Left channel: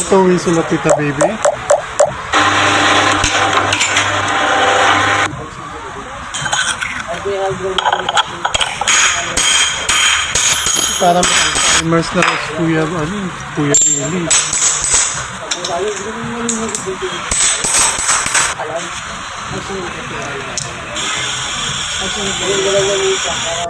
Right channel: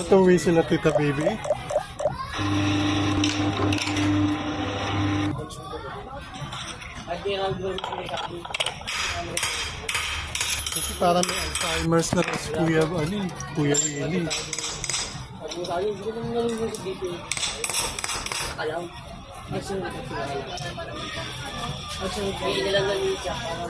Ito whistle na Tita Baby. Parang immerse na rin si Kuya Ili.